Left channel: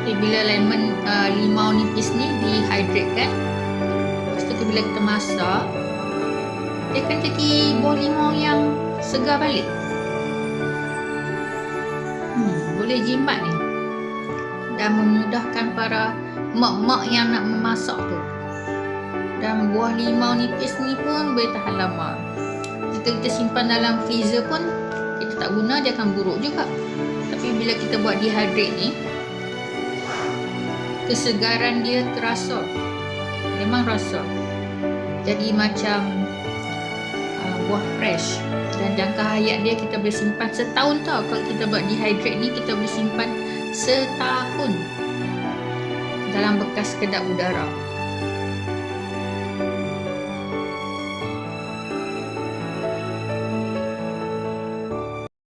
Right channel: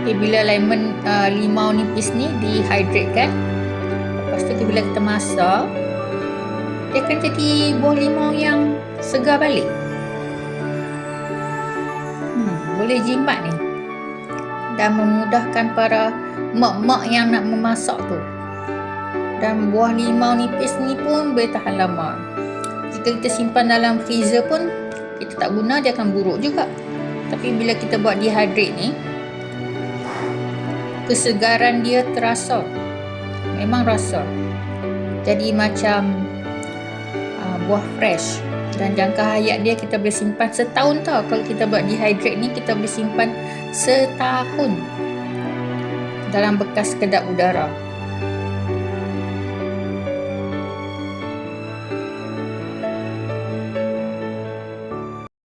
Okay, bila limau nipis ni dehydrate kan, lepas tu bila kita masak, dia akan jadi buah limau yang segar balik. Boleh jimat ni, dan memudahkan para mak-mak yang nak memasak tu. Dan buah limau nipis ni pun boleh tahan lama. Jika kita simpan dalam freezer pun kita tak guna, dia akan buruk juga. Tapi bila kita buat dehydrate ni, kesegaran dia terasa, memang rasa jadi macam buah fresh. Dan jangka hayat dia kita boleh simpan setahun tau. Kalau kita buat dehydrate ni, kita boleh simpan setahun dalam bekas kedap udara.